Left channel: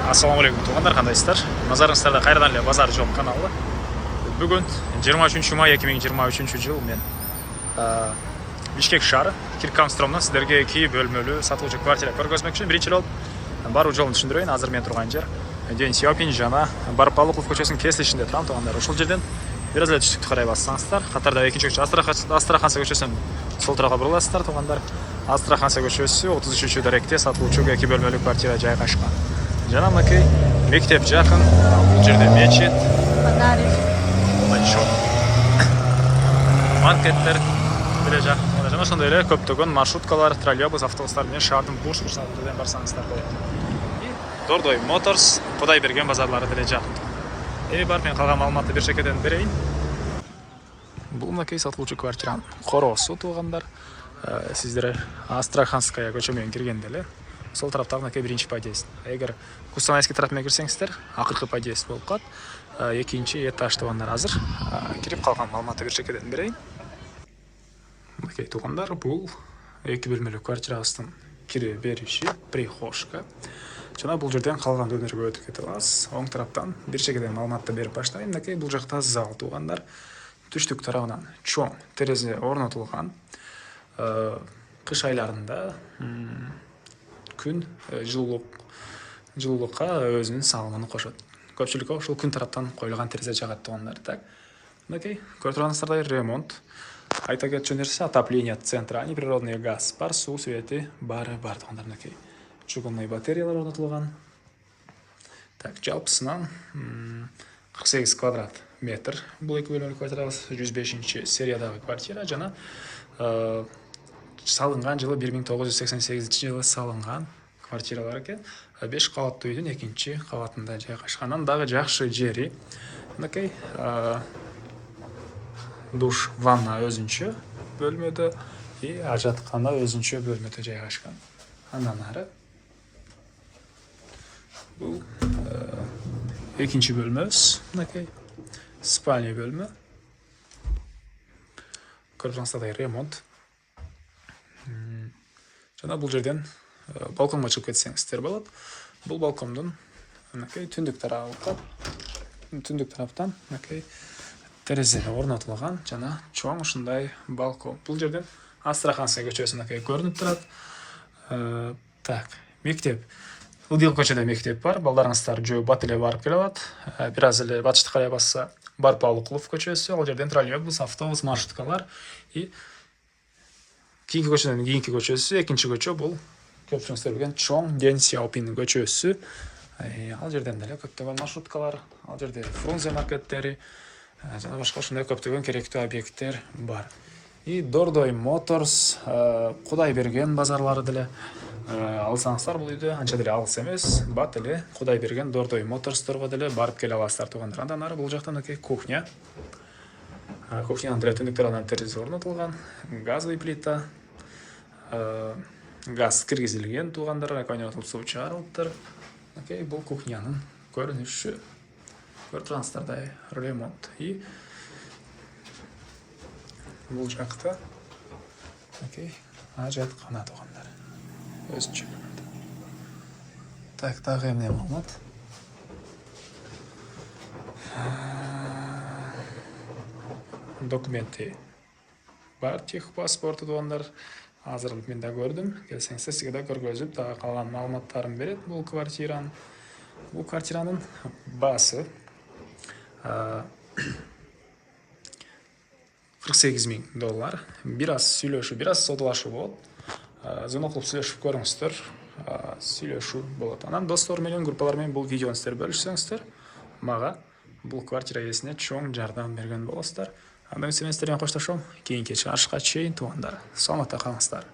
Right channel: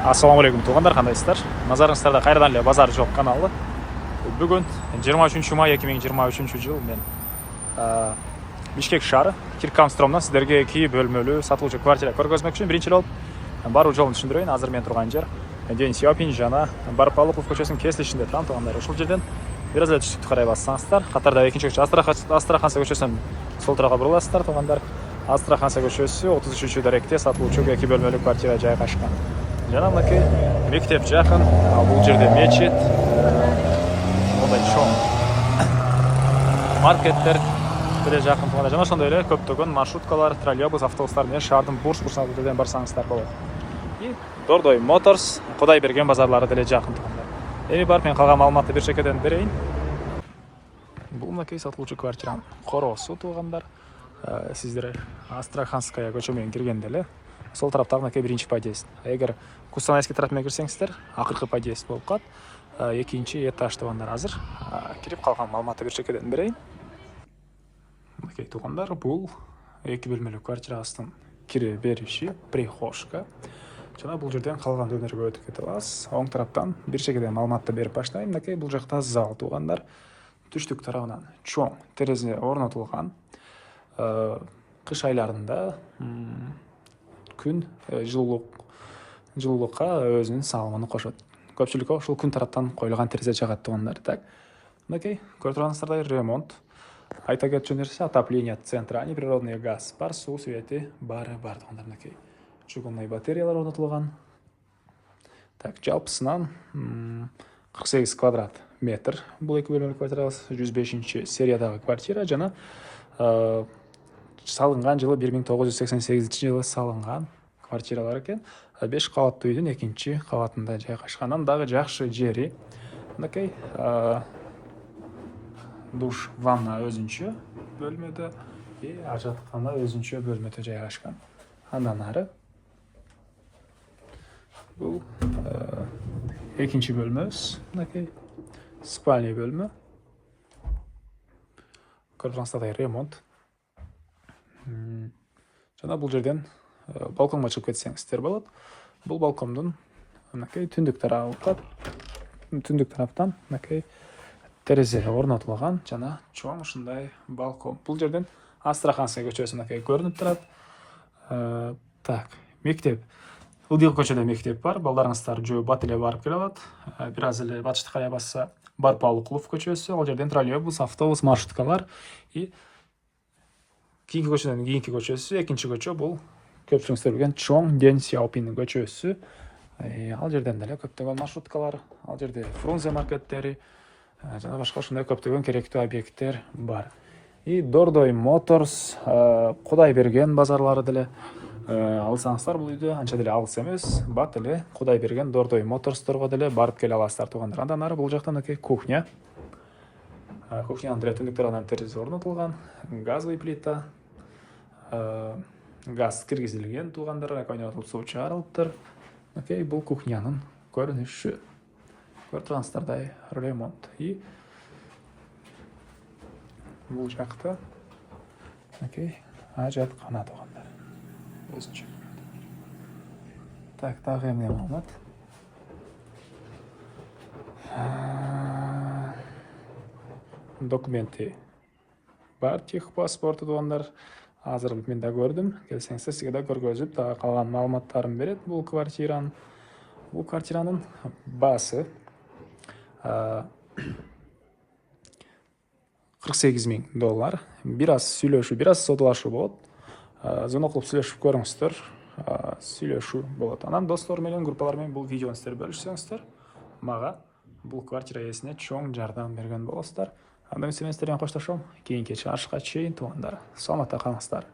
Ассалаумағалейкум туғандар, қандайсыздар? Назарыңыздарда қайрадан эле базар жоқ каналы. Бүгін 23 май 2023 жыл мен Бишкек шары Киркамстромнан сіздерге 2 бөлмөлүү сатылуучу квартира көргөзмөкчүмүн. Биринчи болуп баруу жолун түшүндүрөйүн. Азыр мен турган жер Ден Сяопин жана Барпалыков көчөсүнүн кесилишинде турам туғандар. Ушул жерден бир аз эле түштүктү карай бассаңыздар, катарда экинчи көчө Астраханская көчөсүнөн сол тарапка буруласыздар туғандар. Астраханская көчөсү 33 даректе сатылуучу 2 бөлмөлүү квартира жайгашкан. Жана мынакей мектеп жакын, бул жерде мечит, мындай чоң маркеттер деле жакын туганда, жана ошондой эле көптөгөн маршруткалар, троллейбус, автобустар менен шаардын бурс-бурсуна жерден барсаңыздар болот. Дордой Моторс, Кудайберген базарлары деле жакын тугандар. Бар, мен калган маалыматты бир чекеден берейин. Бул мынакей сатылуучу квартиранын короосу тугандар. Сиздер Астраханская көчө менен киргенде эле сол тараптагы мынакей биринчи подъезд. Эгер Кустанайский тарап менен кирсеңиздер, акыркы подъезд болуп калат. Экинчи этаж тугандар. Азыр кирип калган маалыматты бир чекеден берейин. Мынакей тугандар, бул 2 бөлмөлүү квартирабыздын кире бериши, прихожка. Жана бул жерден калган өнөргө өтүп кете аласыз. Оң тараптан бир чекеден маалыматты берип баштайын. Мынакей бул жакта зал тугандар. Түштүк тарабынан чоң терезе орнотулган. Кыш айларында күн жылуулукка өзүнүн салымын кошот. Көпчүлүккө ушул күн тараптан коюлган терезе жагат тугандар. Так. Мынакей көрүп турганыңыздардай ремонт. Айта кетчү нерсе, отопление центра, неприродный газ бар, суу свети баары бар тугандар. Мынакей чугунный батареялар орнотулган. Так, жалпысынан 48 квадрат метр. Бул 2 бөлмөлүү квартира 105 сериядагы квартира жана салынган жылы 1988 жылы салынган квартиралар экен. 5 кабаттуу үйдүн экинчи кабатында жайгашкан. Дагы жакшы жери. Мынакей душ, ванна өзүнчө бөлмөдө, ажаткана өзүнчө бөлмөдө жайгашкан. Андан ары бул экинчи бөлмөбүз. Мынакей спальня бөлмө. Көрүп турганыңыздардай ремонт. Жана бул жерден балконго чыгып кетсеңиздер болот. Бул балкондун мынакей түндүк тарабы. Түндүк тараптан мынакей терезе орнотулган жана чоң ушундай балкон. Бул жерден Астраханская көчөсү мынакей көрүнүп турат. Так, мектеп. Ылдый көчөдө мектеп бар. Балдарыңыздар жөө бат эле барып келе алат. Бир аз эле батышты карай басса Барпалыков көчөсү, ал жерден троллейбус, автобус, маршруткалар. Кийинки көчөдөн кийинки көчөсү, экинчи көчө бул көпчүлүгүңүздөр билген чоң Ден Сяопин көчөсү. Ал жерден деле көптөгөн маршруткалар, ал жерде Фрунзе маркеттери жана башка ушундай көптөгөн керектүү объекттер бар. Дордой Моторс, Кудайберген базарлары деле алсаңыздар бул үйдө анча деле алыс эмес. Бат эле Кудайберген, Дордой Моторсторго деле барып келе аласыздар тугандар. Андан ары бул жакта мынакей кухня. Кухнянын деле түндүк тарабынан терезе орнотулган, газовый плита. Газ киргизилген тугандар, қайнатылып суу чыгарылыптыр. Окей, бул кухнянын көрүнүшү. Көрүп турганыңыздардай ремонт. Бул жакта окей, ажаткана тугандар. Өзүнчө. Так, дагы эмне маалымат? Документи бар, техпаспорту тугандар. Азыр мен да көрдүм. Келсеңиздер сизге да көргөзүп, дагы калган маалыматтарын берет бул квартиранын. Бул квартиранын баасы 48 000 доллар. Бир аз сүйлөшүү, бир аз содулашуу болот. Звонок кылып сүйлөшүп көрүңүздөр. Сүйлөшүү болот. Анан достор менен, группалар менен бул видеону сиздер бөлүшсөңүздөр, мага бул квартира ээсине чоң жардам берген болосуздар. Мен сиздерден коштошом. Кийинки чыгарышка чейин тугандар. Саламатта калыңыздар.